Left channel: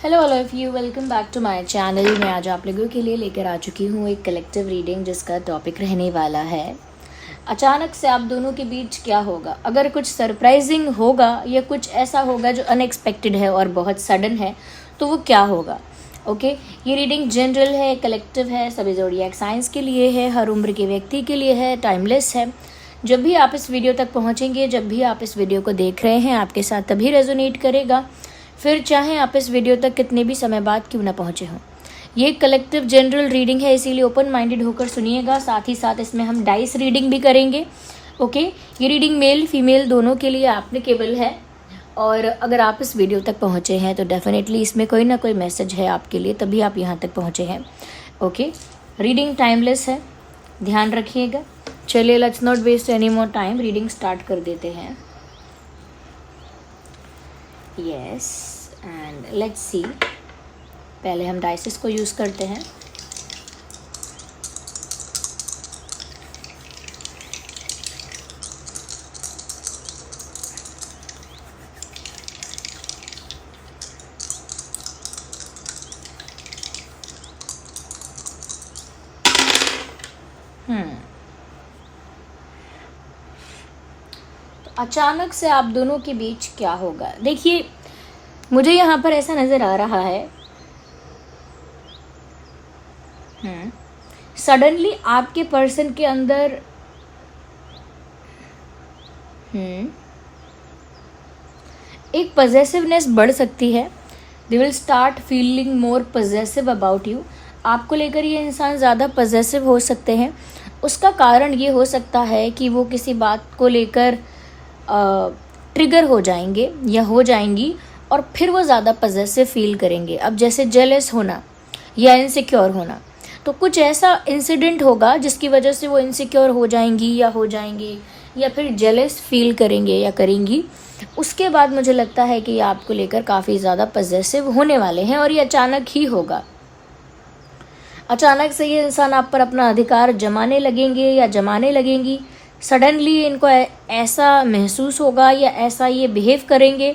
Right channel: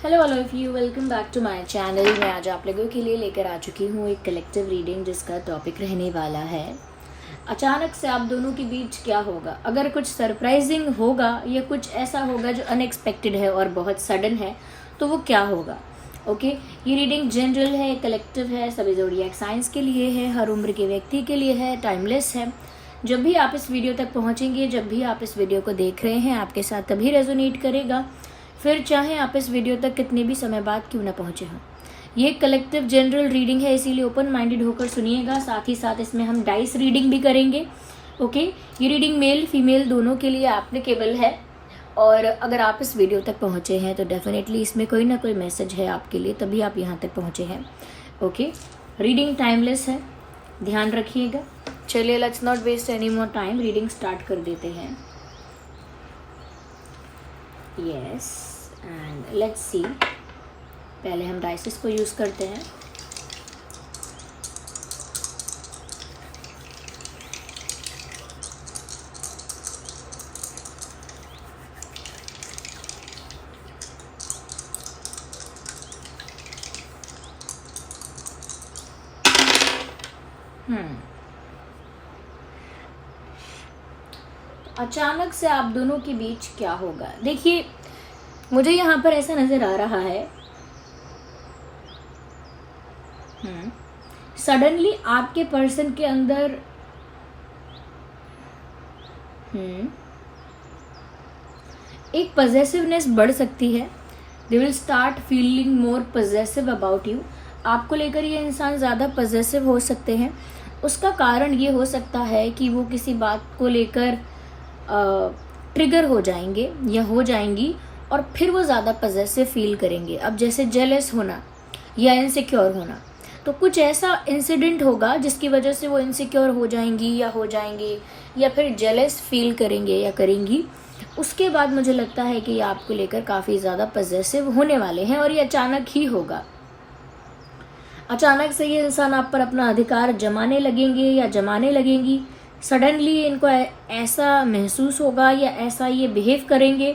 Hello all of you, welcome back to my channel. मैं आज आप लोगों के लिए लेकर आ चुकी हूँ एक कलेक्टिव रीडिंग जिसका टॉपिक रहने वाला है अचानक से आप दोनों के बीच क्या होगा। अगर कुछ सरप्राइजिंग होगा या कुछ ऐसा होगा जो अनएक्सपेक्टेड है और बहुत सडन है तो वो क्या होगा। ओके, ये रीडिंग जनरल है, कलेक्टिव है, सभी ज़ोडिएक साइंस के लिए है, हर उम्र के व्यक्ति के लिए है, टाइमलेस है। जब भी आप इस वीडियो तक पहुँचेंगे, जब भी आप इस वीडियो को देख रहे हैं, आपके साथ तभी रेजोनेट करेगा, फिर चाहे आप इस वीडियो तक कितने भी समय बाद क्यों ना पहुँचे हों। ये कलेक्टिव जनरल रीडिंग है, इसीलिए ओपन माइंडेड होकर सुनिएगा। साथ ही साथ इसमें हम डाइस रीडिंग भी करेंगे। ओके, ये रीडिंग मेल फीमेल दोनों के लिए एप्लीकेबल है। और अगर आप इस वीडियो तक पहुँचे हैं तो डेफिनेटली इसमें कोई ना कोई मैसेज है आपके लिए, तभी आप यहाँ तक पहुँचे हैं। ओके, रीडिंग टाइमलेस है, ध्यान रखिएगा। चलिए, let's not waste any more time, reading start कर देते हैं। Yes, and let's see. पहले हम डाइसेस को यूज़ करते हैं। तो अचानक से आप दोनों के बीच क्या होगा। देखिए, मुझे यहाँ पर ऐसा नज़र आ रहा है, सडनली आपके पर्सन के अंदर एक पजेसिवनेस बढ़ सकती है। They will start feeling more possessive about you. आपको लेकर ये इंसान ज़्यादा पजेसिव हो सकते हैं। उसका कारण ये हो सकता है कि वो किसी बात को लेकर ट्रिगर हो जाएंगे या हो जाएंगी और फिर वो ज़्यादा पजेसिव फील करेंगे। अब जैसे जेलस होना या इनसिक्योर होना, तो कुछ ऐसा इंसिडेंट होगा जिसकी वजह से वो इनसिक्योर हो जाएंगी या फिर जेलस फील करेंगे या करेंगी। उसके बाद मुझे लगता है कि ये आपको लेकर काफ़ी ज़्यादा पजेसिव होने वाले हैं और ये अचानक ही होगा। अचानक से ये इंसान आप पर अपना अधिकार जमाने लगेंगे या जमाने लगेंगी। सडनली इनको ऐसा महसूस होगा या ऐसा ये बिहेव करेंगे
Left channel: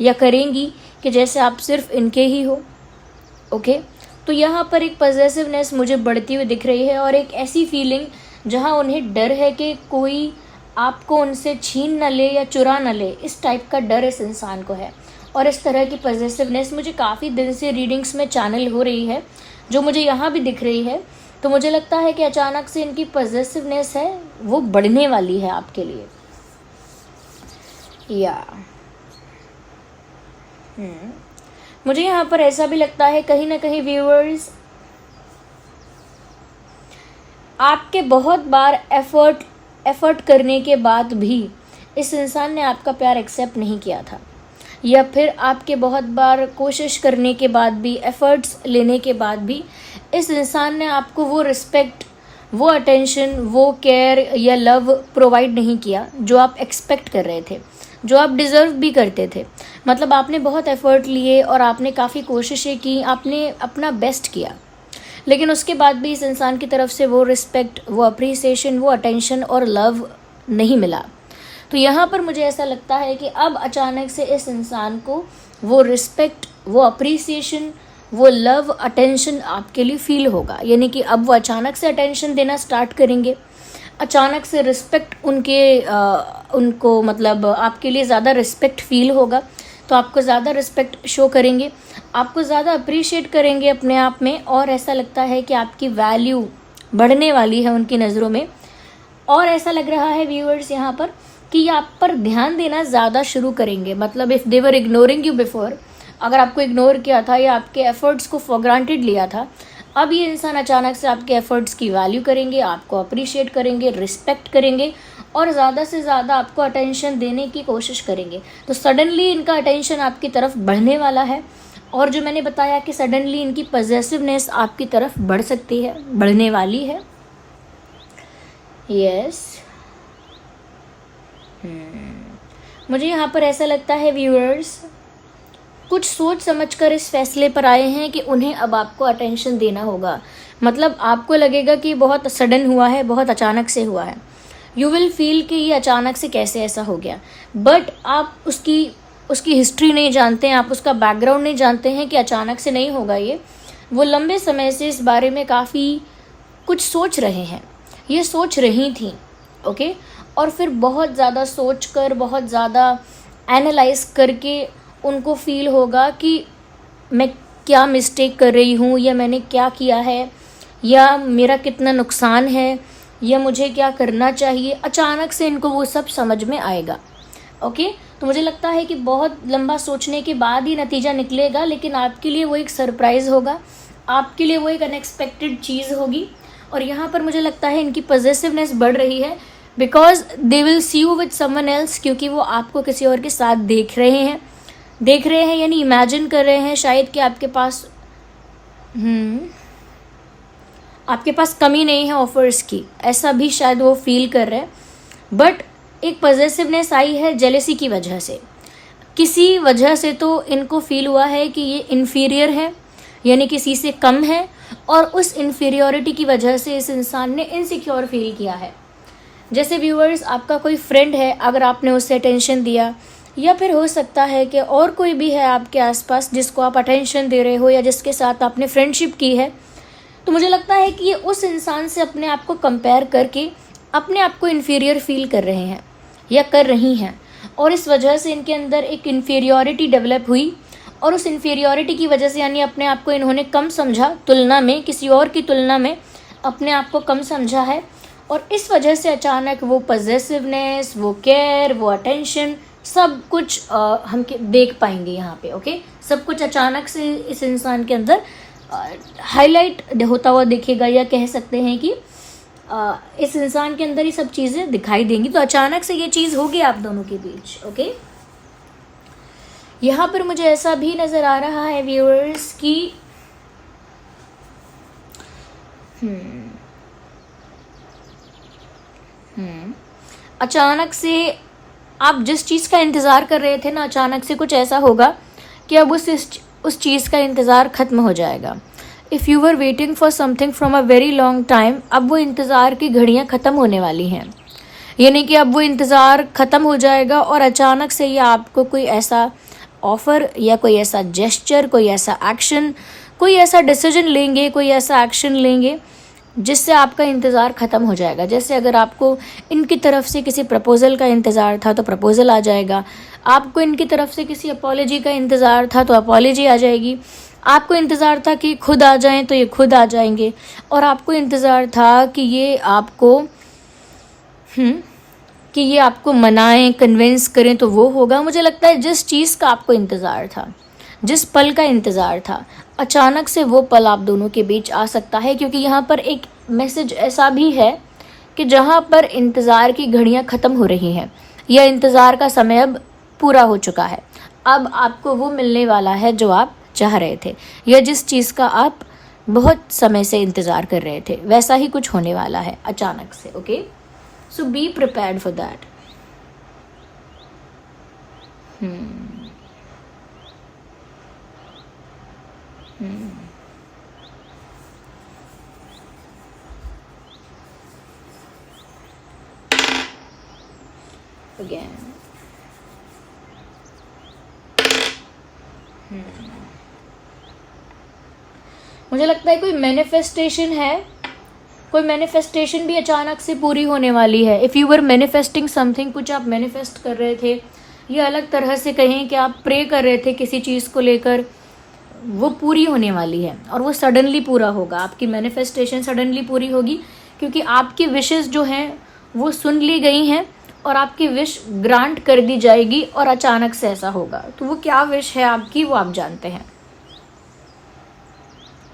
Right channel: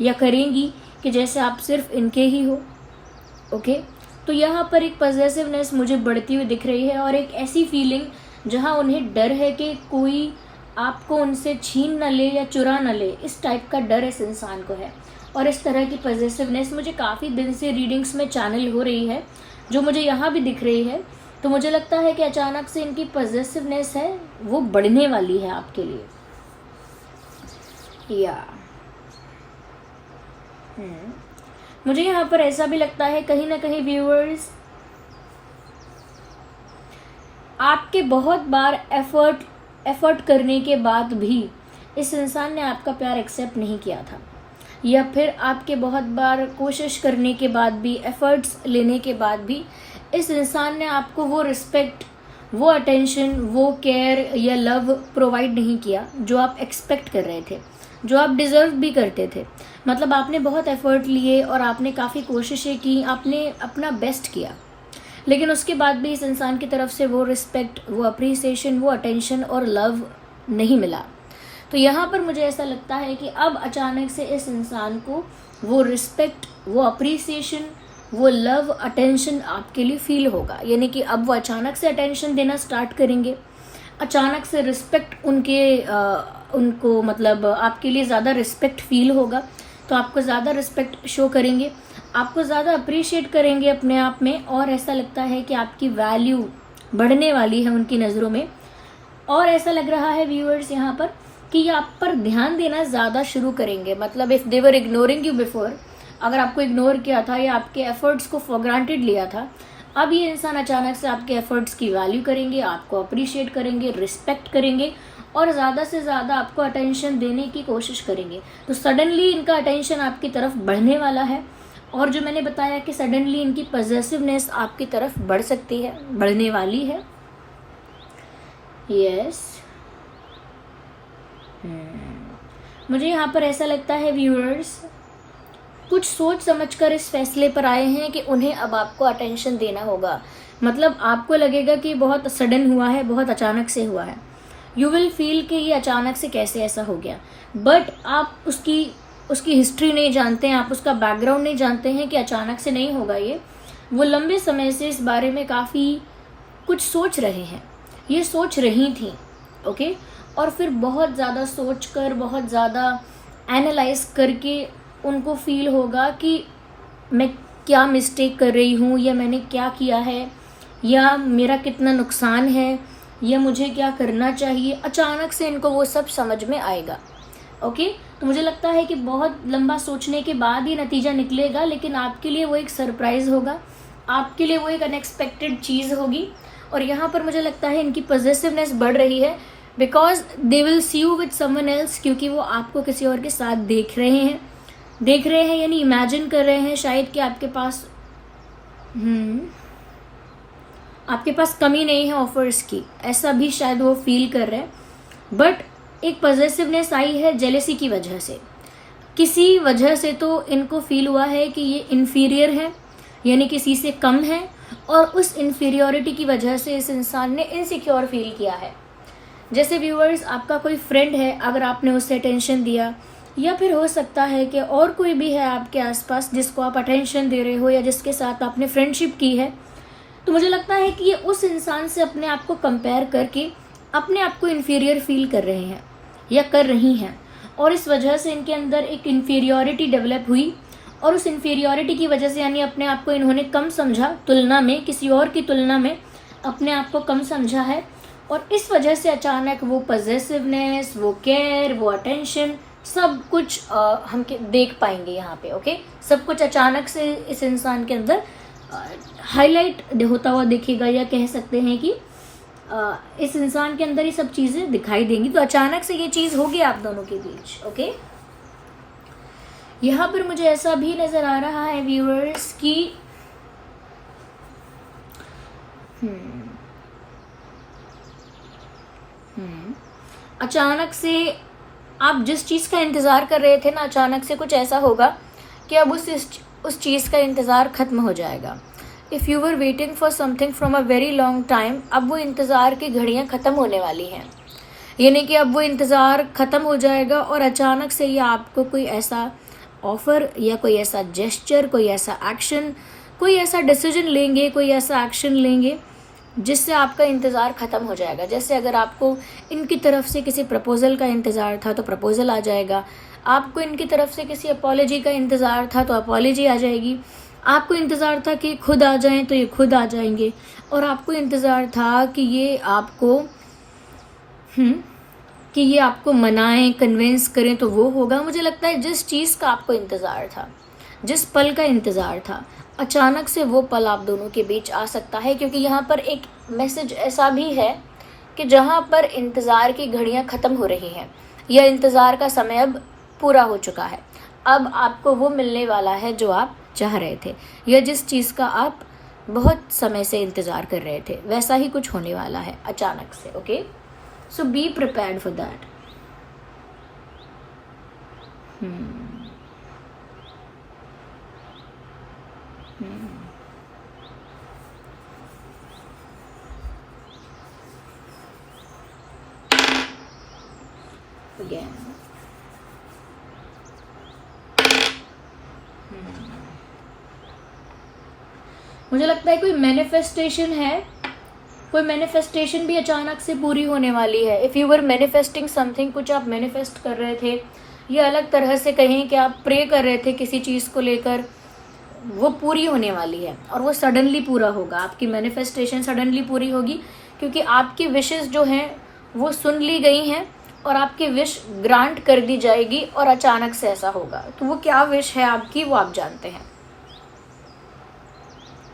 या करेंगी कि जैसे आप सिर्फ इनके ही हो। ओके, तो यहाँ पर एक पजेसिवनेस मुझे बढ़ती हुई दिख रही है और एक ऐसी फीलिंग जहाँ उन्हें डर है कि कोई आपको उनसे छीन न ले या चुरा न ले। इस टाइप का डर इस इंसान को है और इस तरह की पजेसिवनेस मुझे काफ़ी दिन से रीडिंग्स में चैनल हो रही है, जो मुझे यहाँ भी दिख रही है। तो मुझे लगता है कि अचानक से इनकी पजेसिवनेस है वो बढ़ने वाली है आपके लिए। या मुझे यहाँ पर ऐसा भी लगता है कहीं ना कहीं व्यूअर्स, आपके बहुत बार एफर्ट करने के बाद भी इस इंसान ने आपका प्यार एक्सेप्ट नहीं किया था, या फिर आपके बहुत बार कोशिश करने के बाद भी, एफर्ट्स लेने के बाद भी इस इंसान ने आपको वो रिस्पेक्ट, वो अटेंशन, वो केयर या लव प्रोवाइड नहीं किया जो आप एक्सपेक्ट कर रहे थे, जो आप डिज़र्व भी करते थे। मतलब आपने बहुत एफर्ट लिए और आपने काफ़ी कोशिशें की, आपने अपना बेस्ट किया, लेकिन उसके बाद भी इस इंसान की तरफ से वो रिस्पेक्ट, वो अप्रिसिएशन, वो अटेंशन और लव नहीं मिला। तो यहाँ पर मुझे ऐसा लगता है कि अब अचानक से इस इंसान को वो रिस्पेक्ट, वो अप्रिसिएशन, वो लव, अटेंशन आपके लिए फील होगा। यानी कि अब वो अचानक से अटेंशन देना स्टार्ट करेंगे, अचानक से रिस्पेक्ट उनको मतलब आपके लिए ज़्यादा रिस्पेक्ट फील होगा, तो आपको ज़्यादा रिस्पेक्ट शो करेंगे, आपको ज़्यादा अप्रिशिएट करेंगे अपने आप में। और ऐसा लगता है कि आपकी वैल्यू बढ़ने वाली है उनकी नज़रों में। और ऐसा लग रहा है व्यूअर्स यहाँ पर कि ये आप पर ध्यान देना ज़्यादा शुरू करेंगे। मतलब if they were ignoring you before, अगर आपको इग्नोर किया था या आपके एफर्ट्स को फॉर ग्रांटेड लिया था, अब ये इंसान अचानक से आपके एफर्ट्स की वैल्यू करेंगे, आपको अप्रिशिएट करेंगे, रिस्पेक्ट करेंगे और ज़्यादा से ज़्यादा आपको अटेंशन देने की कोशिश करेंगे। तो सडनली इनका अटेंशन आपकी तरफ बढ़ने वाला है। और जो मैंने बताया कि सडनली इनकी पजेसिवनेस आपकी तरफ बढ़ सकती है, बढ़ने वाली है। यस, मुझे यहाँ पर ऐसा लगता है व्यूअर्स, कुछ सोच समझकर इस फैसले पर आए हैं कि उन्हें अब आपको अटेंशन देना होगा। मतलब आपको लगेगा कि बहुत सडन हुआ है, बहुत अचानक से हुआ है। यू विल फील कि ये अचानक से कैसे ऐसा हो गया, बट आप उसकी उसकी हिस्ट्री नहीं जानते हैं, आप उसका बैकग्राउंड नहीं जानते हैं कि अचानक से नहीं होगा ये। वो लंबे समय से इस बारे में काफ़ी कुछ सोच रहे हैं, ये सोच रही थी, ओके। और फिर बहुत ज़्यादा सोच कर, बहुत ज़्यादा एनालाइज करके उनको फील होगा कि मैं क्या मिस्टेक कर रही हूँ, या मैंने क्या किया है, या मेरा कितना नुकसान है, या मुझे क्या करना चाहिए। अचानक से इनको वो सब समझ में आएगा, ओके। तो मुझे लगता है कि बहुत लंबा सोचने के बाद ही नतीजा निकलेगा, लेकिन आपके लिए वो एक सरप्राइज़ होगा, आपके लिए वो एक अनएक्सपेक्टेड चीज़ होगी। और यहाँ पर मुझे लगता है इनकी पॉजिटिवनेस बढ़ रही है, because they will see you with someone else, क्योंकि वो आपको किसी और के साथ देख रहे हैं यानी इमेजिन कर रहे हैं शायद कि आपके पास कमी नहीं है ऑफर्स की, ऐसा भी शायद वो फील कर रहे हैं। बट एक पॉजिटिवनेस आई है जेलेसी की वजह से, किसी वजह से तो इनको फील हुआ है कि ये इन्फीरियर है, यानी किसी से कम है, और उस इन्फीरियोरिटी की वजह से इस इंसान ने इनसिक्योर फील किया है। जैसे व्यूअर्स, आपका कोई फ्रेंड है, अगर आपने उसे अटेंशन दिया, या फिर हो सकता है कि और कोई भी है आपके आसपास जिसको आप अटेंशन दे रहे हो, या जिसके साथ आपने फ्रेंडशिप की है, तो मुझे लगता है कि ये उस इंसान से अपने आप को कंपेयर करके अपने आप को इन्फीरियर फील कर रहे हैं या कर रही हैं, और इस वजह से इनके अंदर एक इन्फीरियोरिटी डेवलप हुई, और उस इन्फीरियोरिटी की वजह से यानी अपने आप को इन्होंने कम समझा, तुलना में किसी और की तुलना में अपने आप को कम समझा है, और इस वजह से अचानक वो पॉजिटिवनेस, वो केयर, वो अटेंशन, सब कुछ हम देख पाएंगे यहाँ पे, ओके। सब कुछ अचानक से इस इंसान के अंदर हाईलाइट होता हुआ दिखेगा, या कह सकते हैं कि इस इंसान के अंदर ये सब चीज़ें दिखाई देंगी। तो अचानक से ये चीज़ होगी आप दोनों के बीच, ओके। यहाँ पर मुझे ऐसा भी नज़र आ रहा है व्यूअर्स कि अचानक से आप जिस चीज़ का इंतज़ार कर रहे थे ना, अचानक से कुछ ऐसा होगा कि अब उस चीज़ का इंतज़ार ख़त्म हो जाएगा। If you were waiting for something from a very long time, अब वो इंतज़ार की घड़ियाँ ख़त्म होने वाली हैं, यानी कि अब वो इंतज़ार ख़त्म हो जाएगा, और अचानक से ये आपको कोई ऐसा ऑफ़र, या कोई ऐसा जेस्चर, कोई ऐसा एक्शन, कोई ऐसा डिसीजन लेंगे, कोई ऐसा एक्शन लेंगे जिससे आपका इंतज़ार ख़त्म हो जाएगा। जैसे अगर आपको इनकी तरफ से किसी प्रपोज़ल का इंतज़ार था तो प्रपोज़ल आ जाएगा, आपको इनकी तरफ से किसी अपॉलॉजी का इंतज़ार था तो अपॉलॉजी आ जाएगी, आपको इंतज़ार था कि खुद आ जाएं तो ये खुद आ जाएंगे, और आपको इंतज़ार था कि ये आपको मनाएं, कन्विंस करें तो वो होगा। मुझे लगता है जिस चीज़ का आपको इंतज़ार था, जिस पल का इंतज़ार था, अचानक से वो पल आप दोनों के बीच आ सकता है, क्योंकि यहाँ पर एक मैसेज ऐसा भी है कि जहाँ पर इंतज़ार की घड़ियाँ ख़त्म हो रही हैं, या इंतज़ार का समय अब पूरा हो चुका है, अब आपको वो मिलने वाला है जो आप चाह रहे थे, या जिस चीज़ का आप बहुत समय से इंतज़ार कर रहे थे, वैसा ही कुछ होने वाला है अचानक से, okay. So be prepared for that. Again. मुझे लगता है कोई मैनिफेस्टेशन है, कोई मैनिफेस्टेशन भी अचानक से पूरी होने वाली है। If you were manifesting something, कुछ आप मैनिफेस्ट कर रहे थे, या अलग तरह से कहें कि आप प्रे कर रहे थे किसी चीज़ को लेकर, वो पूरी होने वाली है, और वो सडनली पूरा होगा। आपकी मैनिफेस्टेशन सडनली पूरी होगी, क्योंकि आपकी विशेस जो हैं वो सुन ली गई हैं, और आपकी विश ग्रांट कर दी जाएगी, और अचानक से ऐसा होगा। तो वो क्या विश है आपकी, वो आप जानते हैं।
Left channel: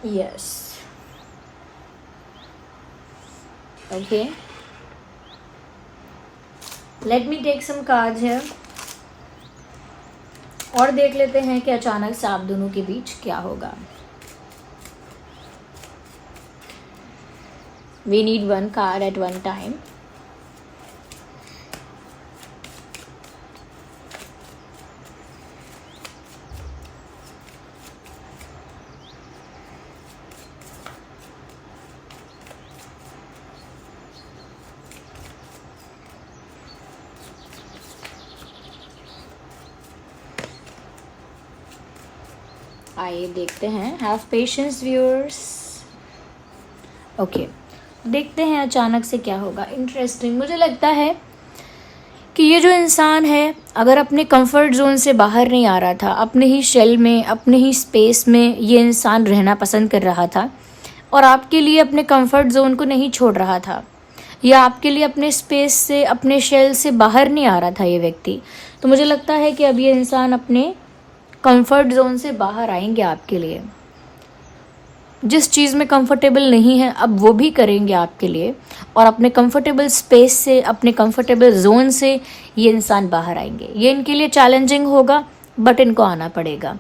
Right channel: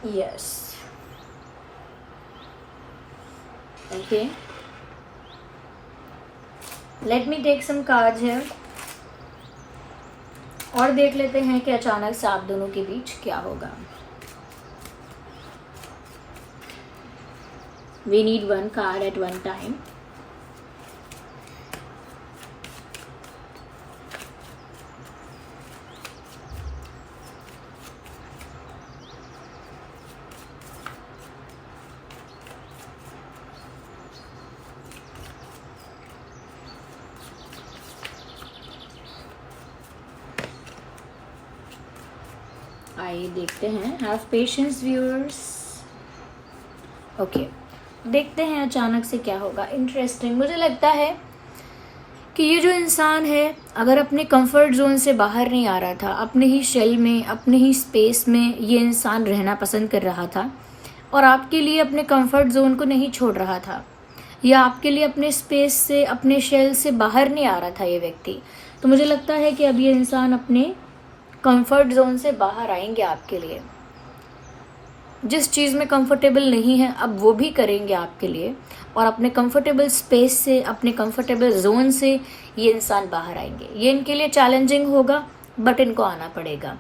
Yes, okay, let me take some cards here, और देख लेते हैं कि अचानक से आप दोनों के बीच क्या होगा। We need one card at one time. आइए देखते हैं, हैव पेशेंस व्यूअर्स। ओके, देखते हैं अचानक से क्या होगा। इंटरेस्टिंग, मुझे लगता है कि ये जो इंसान है, अगर अपने कंफर्ट जोन से बाहर नहीं आ रहा था, अपने ही शेल में, अपने ही स्पेस में ये इंसान रहना पसंद कर रहा था और आपके लिए अपने कंफर्ट जोन को नहीं छोड़ रहा था, या आपके लिए अपने स्पेस से, अपने शेल से बाहर नहीं आ रहा था ये व्यक्ति, तो मुझे लगता है कि अब ये इंसान अपने कंफर्ट जोन से बाहर आएंगे आपके लिए। जिस चीज़ में कंफर्टेबल नहीं है अब वो भी करेंगे आपके लिए, और अपने कंफर्टेबल स्पेस से, अपने कंफर्टेबल जोन से ये इंसान बाहर आएंगे। ये इनके लिए चैलेंजिंग होगा बट इनको आना पड़ेगा।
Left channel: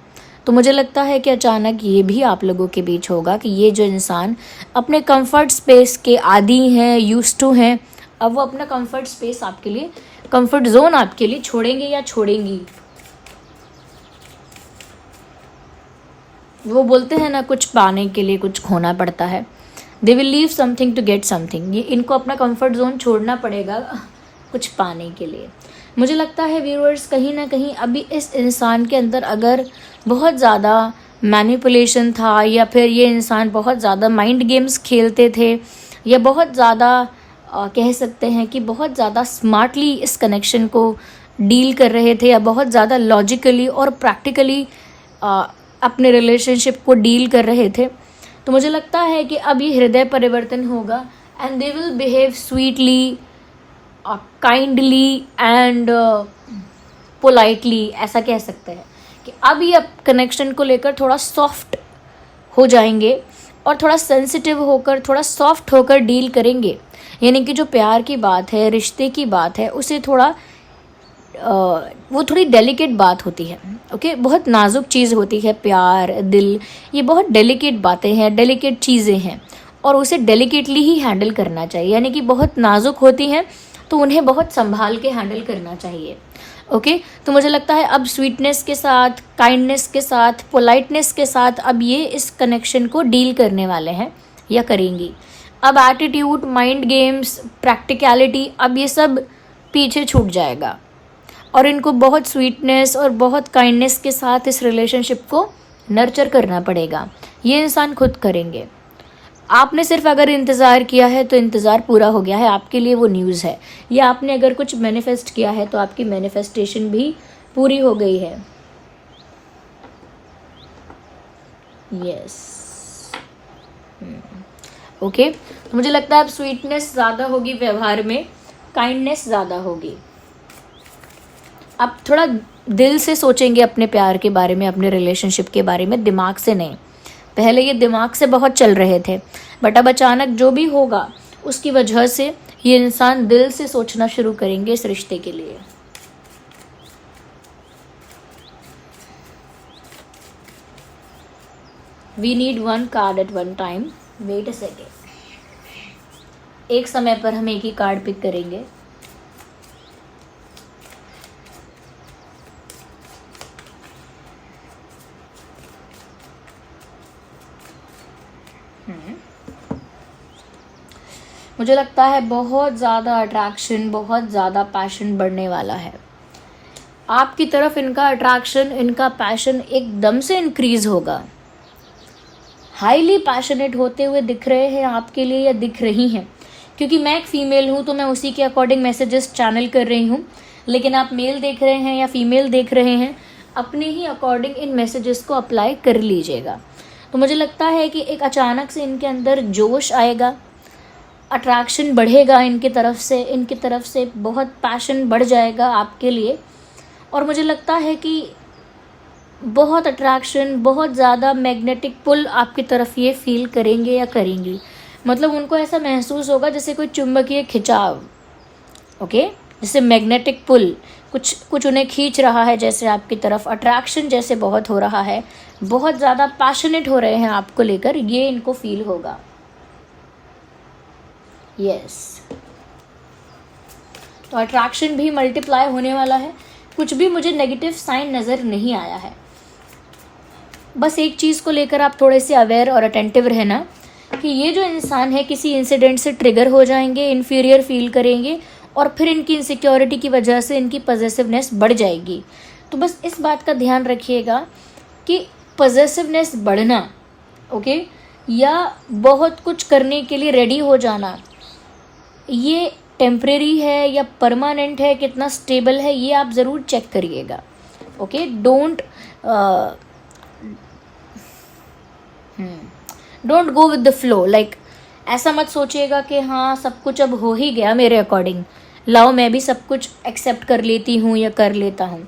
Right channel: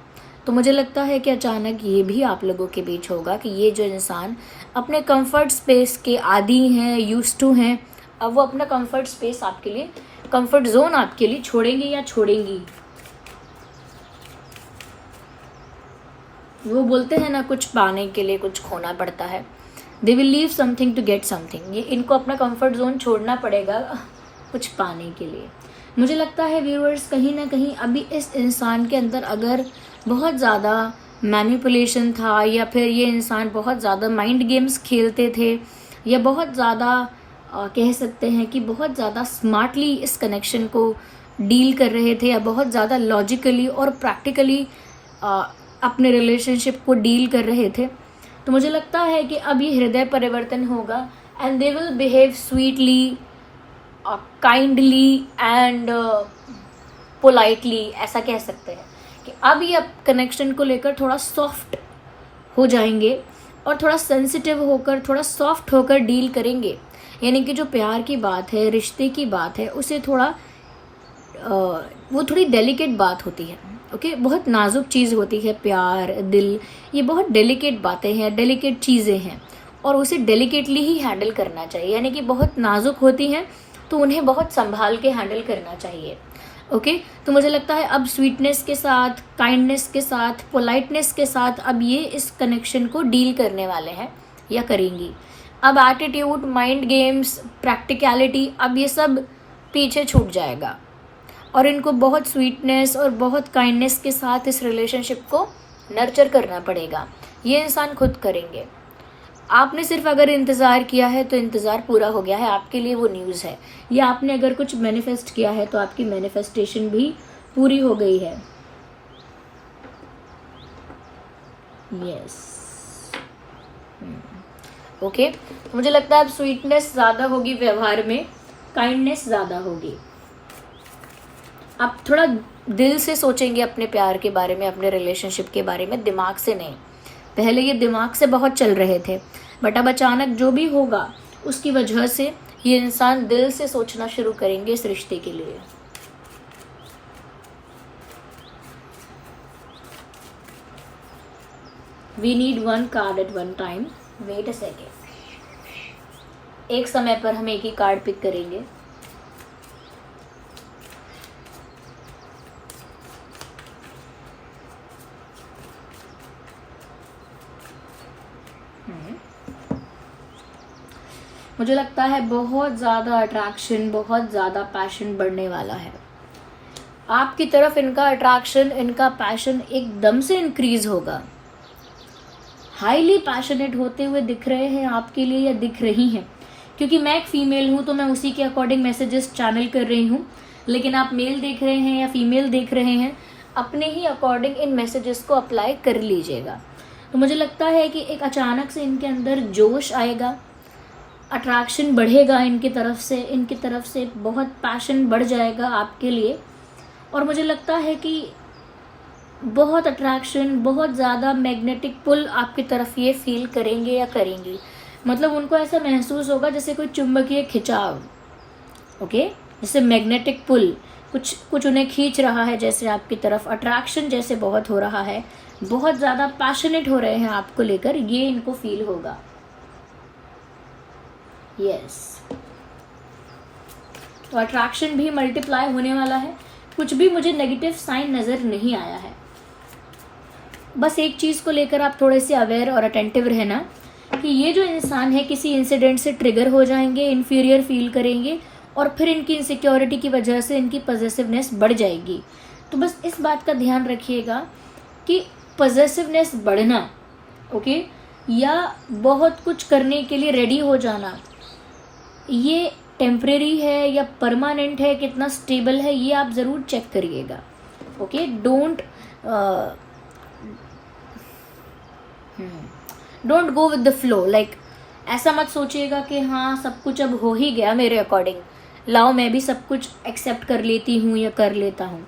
तो मुझे लगता है कि अचानक ये भी आप लोगों के बीच होगा कि ये जो इंसान अपने कंफर्ट स्पेस के आदी हैं, यूज्ड टू हैं, अब वो अपना कंफर्ट स्पेस आपके लिए, कंफर्ट जोन आपके लिए छोड़ेंगे या छोड़ेंगी। वो बोलते हैं ना, कुछ पाने के लिए कुछ खोना पड़ता है। They will leave something to get something. ये इनको अपना कंफर्ट जोन छोड़ना पड़ेगा कुछ पाने के लिए। मुझे लगता है व्यूअर्स, कहीं ना कहीं अभी इस इंसान के अंदर अगर बहुत ज़्यादा मैनिपुलेशन था, या फिर ये इंसान बहुत ज़्यादा माइंड गेम्स खेलते थे, या बहुत ज़्यादा कह सकते हैं कि बहुत ज़्यादा स्मार्टली इस कनेक्शन को डील कर रहे थे, या बहुत ज़्यादा लॉजिकली और प्रैक्टिकली अपने रिलेशनशिप को डील कर रहे थे, तो मुझे लगता है कि अब ये हृदय परिवर्तन होगा and they will behave sweetly, kindly and politely, ऐसा कह सकते हैं कि अब ये कनेक्शन को लेकर थोड़ा सॉफ्ट हो जाएंगे और थोड़ा सेंसिटिव होकर, थोड़ा सॉफ्ट होकर डील करेंगे। यानी कि जो प्यार की बात है, रिश्ते की बात है, उसे थोड़ा वो थोड़ी डेलिकेट बात होती है। ओके, बहुत नाजुक चीज़ होती है प्यार, दिल, ये बहुत डेलिकेट बातें हैं, डेलिकेट चीज़ें हैं, और उसे डेलिकेटली ही हैंडल करना चाहिए। यानी कि बहुत नाजुक होती हैं तो उन्हें बहुत संभाल के हैंडल करना चाहिए। ओके, तो मुझे लगता है अब स्वीटनेस के साथ, काइंडनेस के साथ, पोलाइटनेस के साथ अब ये इस कनेक्शन को डील करने वाले हैं या करेंगी। अब एटीट्यूड, माइंड गेम्स, प्रैक्टिकलिटी, अब ये सब पीछे छूट जाएगा और इनको बहुत स्वीटनेस और बहुत काइंडनेस के साथ इस रिलेशनशिप को नर्चर करना पड़ेगा। ये इंसान खुद करेंगे। आपने सिर्फ अगर इंतज़ार किया है तो इंतज़ार पूरा हो गया है, आपके लिए वो न्यूज़ है। या आपने अगर कुछ मैनिफेस्ट किया है तो आपकी मैनिफेस्टेशन भी पूरी हो गई है। यस, ओके, मुझे लगता है अब स्वीटनेस ज़्यादा होगी व्यवहार में, काइंडनेस ज़्यादा होगी। आप थोड़ा दिल से सोचेंगे अपने प्यार के बारे में, अपने रिलेशनशिप के बारे में, दिमाग से नहीं। पहले ये दिमाग से बहुत चल रहे थे, बट अब अचानक जो भी होगा उसकी वजह से ये इंसान दिल से सोचना शुरू करेंगे इस रिश्ते के लिए। We need one card at one time. Wait a second, एक समय पर हम एक ही कार्ड पिक करेंगे। मुझे लगता है बहुत ज़्यादा अट्रैक्शन, बहुत ज़्यादा पैशन बढ़ने वाला है आपकी तरफ। इनका अट्रैक्शन, इनका पैशन एकदम से इंक्रीज होगा। हाईली पैशनेट होते हुए दिख रहे हैं आपके लिए या दिख रही हैं, क्योंकि मैं एक फ़ीमेल हूँ तो मैं उसी के अकॉर्डिंग मैसेजेस चैनल कर रही हूँ, लेकिन आप मेल देख रहे हैं या फीमेल देख रहे हैं, अपने ही अकॉर्डिंग इन मैसेजेस को अप्लाई कर लीजिएगा। तो मुझे लगता है कि एक अचानक से इनके अंदर जोश आएगा, अट्रैक्शन बढ़ेगा इनकी तरफ से बहुत पैशन बढ़ जाएगा आपके लिए। और मुझे लगता है कि बहुत अट्रैक्शन, बहुत ज़्यादा मैग्नेटिक पुल आपकी तरफ ये फील करेंगे या करेंगी। मतलब उनको ऐसा महसूस होगा जैसे कोई चुंबकीय खिंचाव, ओके, जैसे मैग्नेटिक पुल, कुछ उन्हें खींच रहा है जैसे आपकी तरफ। अट्रैक्शन जैसे बहुत हो रहा है, बहुत ज़्यादा पैशनेट हो रहे हैं आपको लेकर, ये इनको फील होगा। यस, तो अट्रैक्शन भी मल्टीप्लाई होने वाला है। कुछ भी मुझे नेगेटिव साइन नज़र नहीं आया है। बस एक चीज़ को लेकर आप थोड़े से अवेयर और अटेंटिव रहना कि ये जो इंसान है किसी इंसिडेंट से ट्रिगर हो जाएंगे, इन्फीरियर फील करेंगे, और फिर इनकी इनसिक्योरिटी की वजह से इनकी पॉजिटिवनेस बढ़ जाएगी। तो बस इस बात का ध्यान रखिएगा कि पॉजेसिवनेस बढ़ना, ओके, या बहुत कुछ करने के लिए रेडी हो जाना, ये टेम्परेरी है या परमानेंट है, कितना स्टेबल है, ये आप ज़रूर चेक करिएगा। Okay, don't go with the flow. Like ऐसा मत सोचिएगा कि हाँ सब कुछ अब हो ही गया मेरे अकॉर्डिंग, लाओ मैं भी सब कुछ एक्सेप्ट कर लेती हूँ या कर लेता हूँ।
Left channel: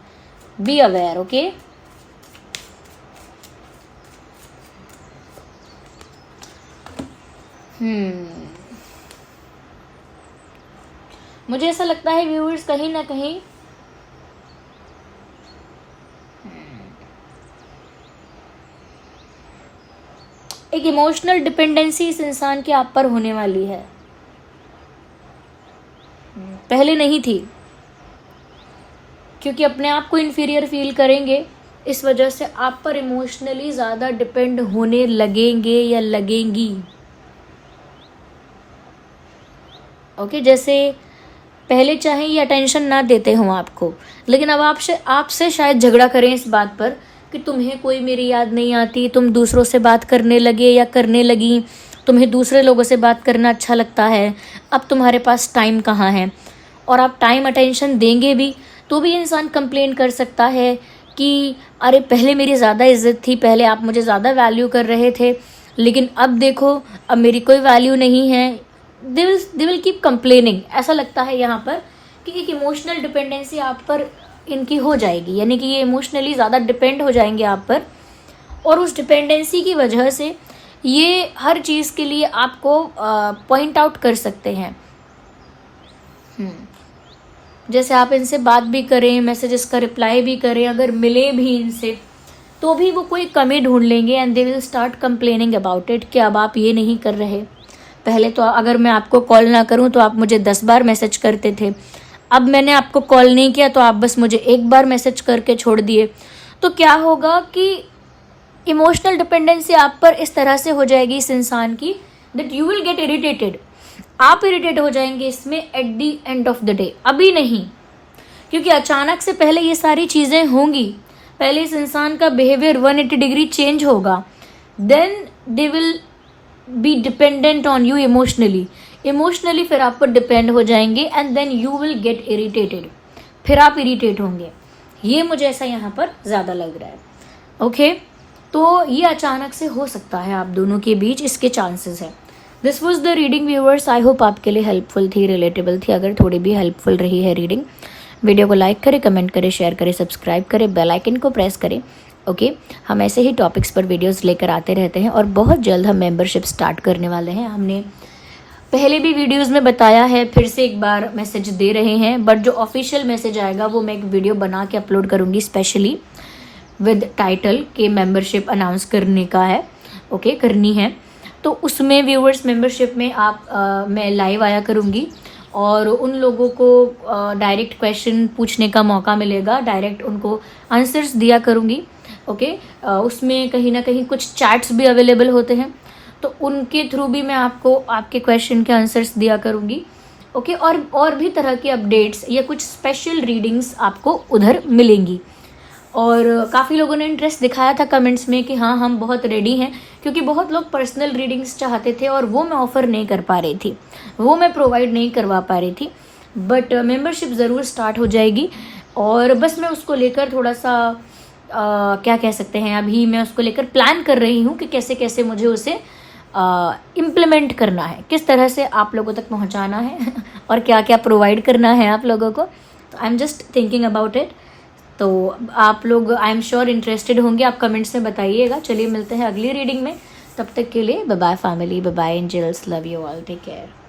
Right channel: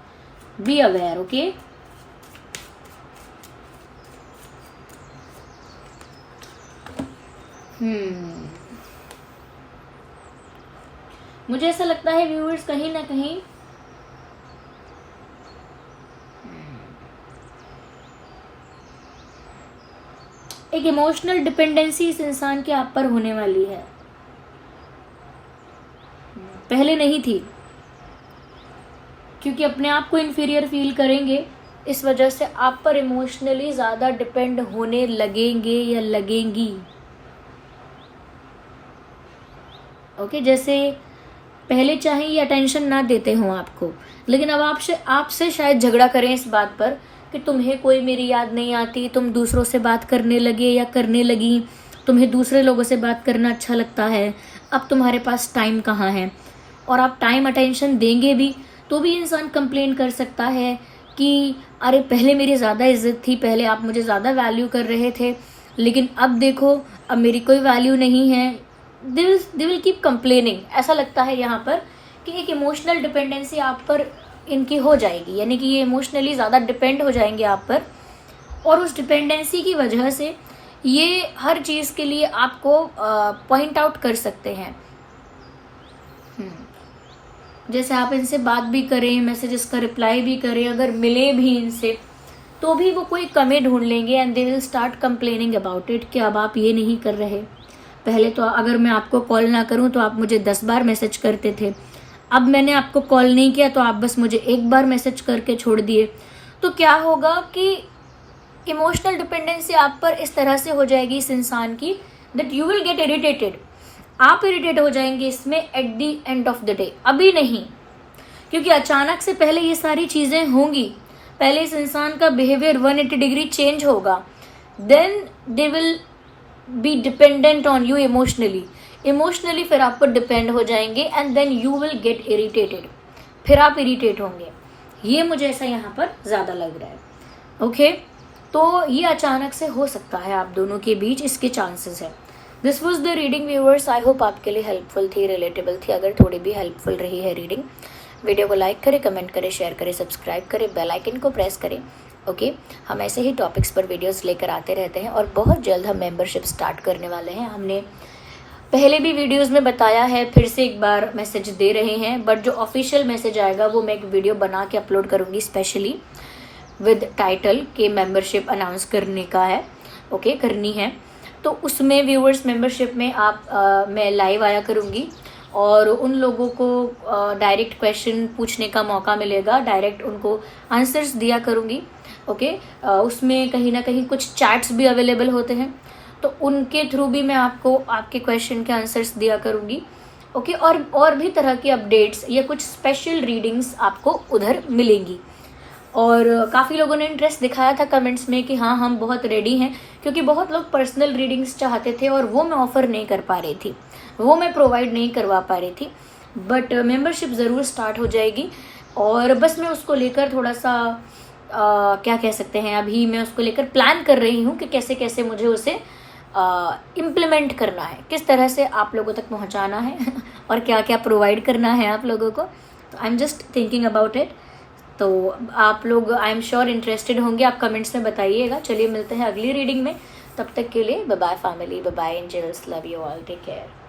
Be aware, okay. मुझे ऐसा लगता है व्यूअर्स कहीं ना कहीं एक इमोशनल डिपेंडेंसी इस इंसान के आप पर होने वाली है, पहले नहीं थी, क्योंकि अपने आप को इन्फीरियर फील करेंगे, इस वजह से आप पर इमोशनली ज़्यादा डिपेंड होने लगेंगे या लगेंगी। ओके, जैसे पहले चाहे ये अटेंशन ना देते हो आपको, लेकिन अब आपसे शायद झगड़ा करें इस बात पर कि तुम्हें कोई मेरी याद नहीं आती, तुम दूसरों से बात करने लगे या करने लगी, तुम्हें दूसरे लोगों से बात करना अच्छा लगता है, अब तुम्हारे पास टाइम कहाँ है। और आप टाइम अटेंशन देंगे भी तो भी इंसान कंप्लेन कर सकता है कि अरे पहले मेरी ज़्यादा इज्जत थी, पहले आप मुझे ज़्यादा वैल्यू कर रहे थे, लेकिन अब देखो अब मेरी कोई वैल्यू नहीं है। They will keep complaining. ऐसा लगता है यहाँ पर कि एक इमोशनल डिपेंडेंसी आप पर इनकी हो जाएगी, यानी कि ये इमोशनली ज़्यादा डिपेंड हो जाएंगे आप पर, और उस डिपेंडेंसी की वजह से ये हर चीज़ के लिए आपको पॉइंट आउट कर सकते हैं। जैसे आप इनसे बात भी करें, मैसेजेस का रिप्लाई भी करें, अगर मिले भी इनसे तो भी वो कोई कमी ढूंढ लेंगे and they will start complaining about it कि अब आप ये नहीं कर रहे। पहले तो अगर मैं आपको कॉल ना करूं तो आप मुझे 10 बार मैसेज करते थे, अब मैंने आपको कॉल नहीं किया तो आप बस मुझे एक बार मैसेज करके छोड़ दिए। तो क्या होगा कि इमोशनल डिपेंडेंसी आप पर इस तरह से हो जाएगी इस इंसान की that you will get irritated. आप इरिटेट हो जाएंगे इसमें at the end of the day, अभी नहीं, क्योंकि अचानक से पहले ये सारी चीज़ें होंगी, पहले इस इंसान का बिहेवियर 180 डिग्री चेंज होगा, then they will be dependent on you emotionally फिर आप पर डिपेंड हो जाएंगे and then you will get irritated, फिर आप इरिटेट होंगे। ये मुझे ऐसा यहाँ पर ज़्यादा लग रहा है। ओके, तो ये अचानक से हो सकता है आप दोनों के बीच, इसके चांसेस है। This was the reading viewers, I hope आपके लिए हेल्पफुल थी, रिलेटेबल थी। अगर थोड़ी भी हेल्पफुल रही है रीडिंग, वीडियो को लाइक करें, कमेंट करें, शेयर करें, सब्सक्राइब करें, बेल आइकन को प्रेस करें। ओके, हम ऐसे ही टॉपिक्स पर वीडियोस लेकर आते रहते हैं और बहुत जल्द हम मेंबरशिप स्टार्ट करने वाले हैं। हमने पहले भी वीडियोस में बताया है, फिर से एक बार मैसेज दे रहे हैं, बट जो ऑफिशियल मैसेज आएगा वो मैं एक वीडियो बना के अपलोड करूँगी स्पेशली विद टाइटल के मेंबरशिप अनाउंस करने का है। ओके, करनी है तो उसमें व्यूअर्स मेंबरशिप में मैं लाइव आया करूँगी और उन लोगों को डायरेक्ट क्वेश्चन पूछने का मौका मिलेगा, डायरेक्ट उनको आंसर्स दिया करूँगी। ओके, उसमें कहीं ना कहीं कुछ चैट्स भी अवेलेबल होते हैं, तो उनके थ्रू भी मैं आपको आपके क्वेश्चन के आंसर्स दिया करूँगी। ओके, और भी तरह की अपडेट्स या कुछ स्पेशल रीडिंग्स आपको उधर मिलेंगी। और काफ़ी लोगों ने इंटरेस्ट दिखाया था कमेंट्स में कि हाँ हम बहुत रेडी हैं, क्योंकि बहुत लोग पर्सनल रीडिंग्स चाहते थे और वो मैं ऑफ़र नहीं कर पा रही थी, वो मैं प्रोवाइड नहीं करवा पा रही थी। बट मेंबरशिप ज़रूर स्टार्ट हो जाएगी और बस मैं उसको लेकर थोड़ा सा क्या कह सकते हैं, अभी मैं उसको लेकर प्लान कर रही हूँ कि कैसे कैसे मुझे उसे इम्प्लीमेंट करना है, किस तरह से आप लोगों तक पहुँचाना है और क्या क्या प्रोवाइड करना है आप लोगों को। I am just thinking about it. तो आप लोग आई एम श्योर इंटरेस्टेड होंगे, आप कमेंट्स में बताइएगा। चलिए मिलते हैं अगली रीडिंग में, तब तक के लिए bye bye family, bye bye angels, love you all, take care.